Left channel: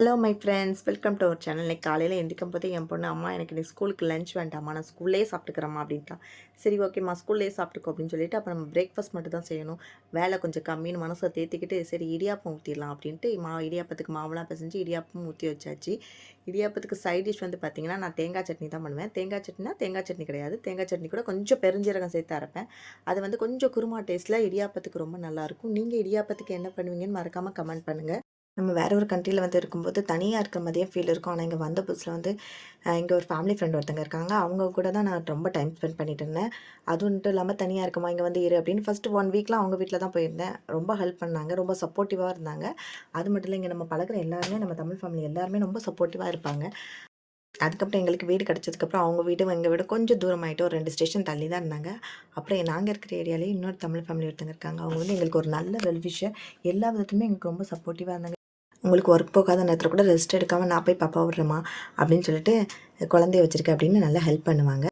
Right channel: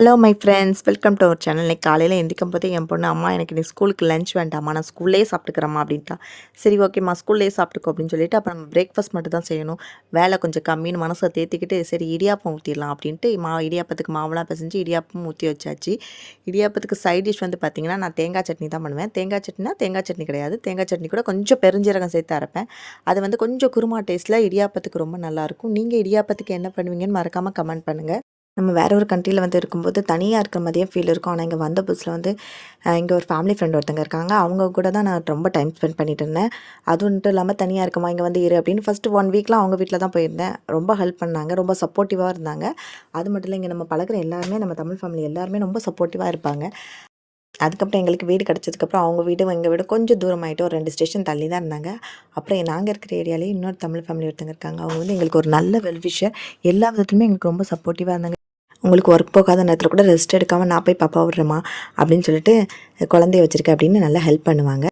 Hello my friends, welcome to our channel. இன்னைக்கு காலையில் எந்திரிக்கும் போதே என் பொண்ணு, அம்மா எனக்கு இன்னைக்கு ஸ்கூலுக்கு லஞ்ச் வேண்டாம்மா, நான் ஸ்கூல்லேயே சாப்பிட்டுக்கிறேம்மா அப்படின்ட்டா. சரி ஓகேம்மா ஸ்கூல்லேயே சாப்பிட்டுக்கோ அப்படின்னு சொல்லிட்டு, அப்புறம் பிரேக்ஃபாஸ்ட் மட்டும் தான் செய்யணும். வேலை கொஞ்சம் கம்மின்னு மனசை தேத்திக்கிட்டு, சரி இடியாப்பம் ஊற்றிடலாம் அப்படின்ட்டு இடியாப்பத்துக்கு மாவுலாம் பிசைஞ்சு இடியாப்பம் ஊற்றி வச்சாச்சு. இடியாப்பத்துக்கு சைட் டிஷ் வந்து பார்த்திங்கன்னா, நான் தேங்காய் சட்னி தான் பண்ணுவேன். தேங்காய் சட்னினா தேங்காய் சட்னி கிடையாது. தேங்காய் சட்னி கூட கொஞ்சம் பெருஞ்சீரகம் சேர்த்து அரைப்பேன். அது வந்து கொஞ்சம் குருமா டேஸ்ட்டில் இடியாப்பத்துக்கு ரொம்ப நல்லாயிருக்கும். நீங்கள் இடியாப்பத்துக்கு என்ன பண்ணுவீங்கன்னு மறக்காமல் கமெண்ட் பண்ணுங்கள். நம்ம வேற ஒரு கண்ட்ரியில வந்து இருக்கும்போது தனியா இருக்கிற மாதிரியே ஃபீல் இருக்கும். ஆனா, இங்க வந்த புதுசுல வந்து இங்க ஒரு ஃபேமிலி ஃப்ரெண்ட் ஒருத்தங்க இருக்காங்க. அவங்க கூட தான் நான் ரொம்ப டைம் ஸ்பெண்ட் பண்ணிட்டு இருந்தேன். அதுவும் இல்லாம தனியா இருக்கமா, இங்க வந்து இரு அப்படின்னு ஃபர்ஸ்ட் 1 வீக்லாம் அவங்க வீட்ல தான் போயிருந்தேன். ரொம்ப ஹெல்ப் பண்ணாங்க. ரொம்ப சப்போர்ட்டிவா இருந்தாங்க. அது மட்டும் இல்ல, இங்க நம்ம பழகுற எல்லாருமே நம்ம தமிழ் ஃபேமிலி எல்லாருமே ரொம்ப சப்போர்ட்டிவா இருப்பாங்க. அதுக்கப்புறம் எங்களுக்கு வீடு கிடைச்சதுக்கப்புறம் அவங்க வீடும் எங்க வீடும் கொஞ்சம் தூரமாயிட்டு ஒரு 2 ஸ்டேஷன் தள்ளி தான் இருந்தாங்க. அப்புறம் நாங்க இருக்கிற ஏரியாலயே இன்னொரு தமிழ் ஃபேமிலி ஒருத்தங்க இருக்காங்க. அவங்க வந்து எங்களுக்கு ஒரு நல்ல வெல் விஷர். எல்லா விதத்துலயுமே எங்களுக்கு ரொம்ப சப்போர்ட்டிவா இருந்தாங்க. உங்களுக்கு ஒர்க் போகாத நேரத்தில் கூட ரெஸ்ட் எடுக்காமல் நான் போய் பாப்பா விட்றேம்மா அப்படின்னு சொல்லிட்டு குழந்தைய வச்சுருக்கேன் அப்படின்னு நல்லா ஹெல்ப் பண்ணுவாங்க.